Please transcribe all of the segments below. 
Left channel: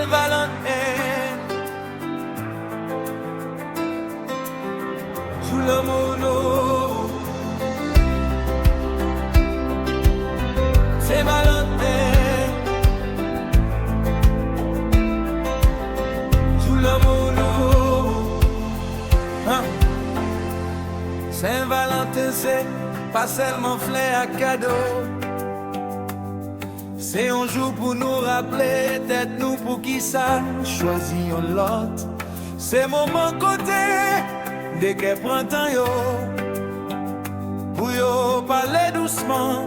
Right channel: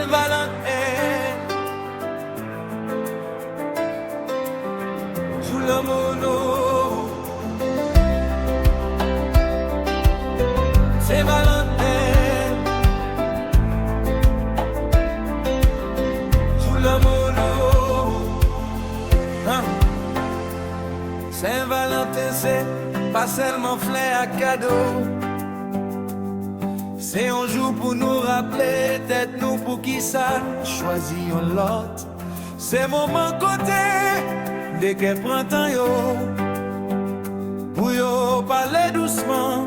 Saint-Valentin, joue l'amour nous. Saint-Valentin, joue l'amour nous. Hein? Saint-Valentin, c'est pas seulement fleur à cadeau. C'est un jour pour nous rappeler, tête nous pour qui ça choisit un lot. C'est moment côté, dès qu'elle prend temps yo, pour yo parler doucement,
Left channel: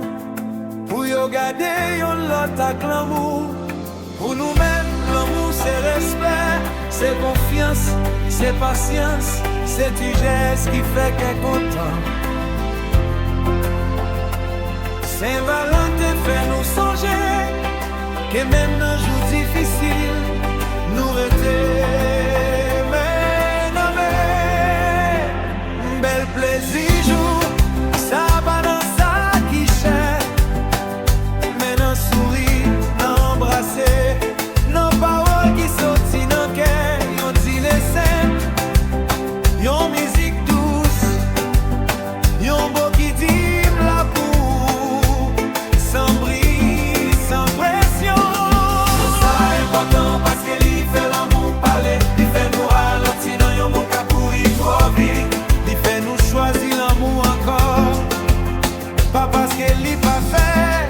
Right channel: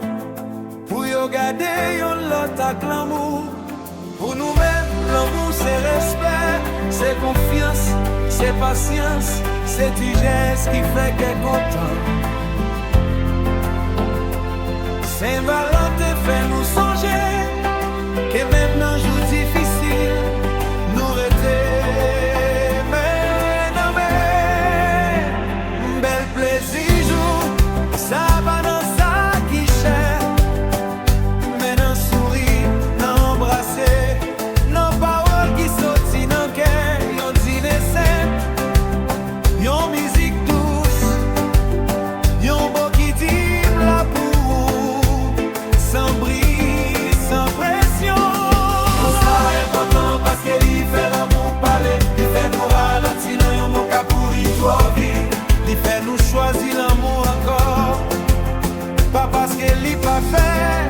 pour yo garder un lot avec l'amour. Pour nous-mêmes, l'amour c'est respect, c'est confiance, c'est patience, c'est du geste qui fait qu'elle est content. Saint-Valentin fait nous songer que même dans jour difficile, nous rester mais non mais bel plaisir jour, ça va dans ça qui cher, mais dans sourire, dans embrasser, dans paroles qui sortent dans cœur, yon dîner sain, yon musique douce, yon beau qui dit la pour sans bris, sans pression. Ça est important parce que lui fait l'amour parler, lui fait nous ralentir dans yon mot qu'a pourri trop vite. Lui fait nous choisir l'amour encore, pas parce que lui pas fait.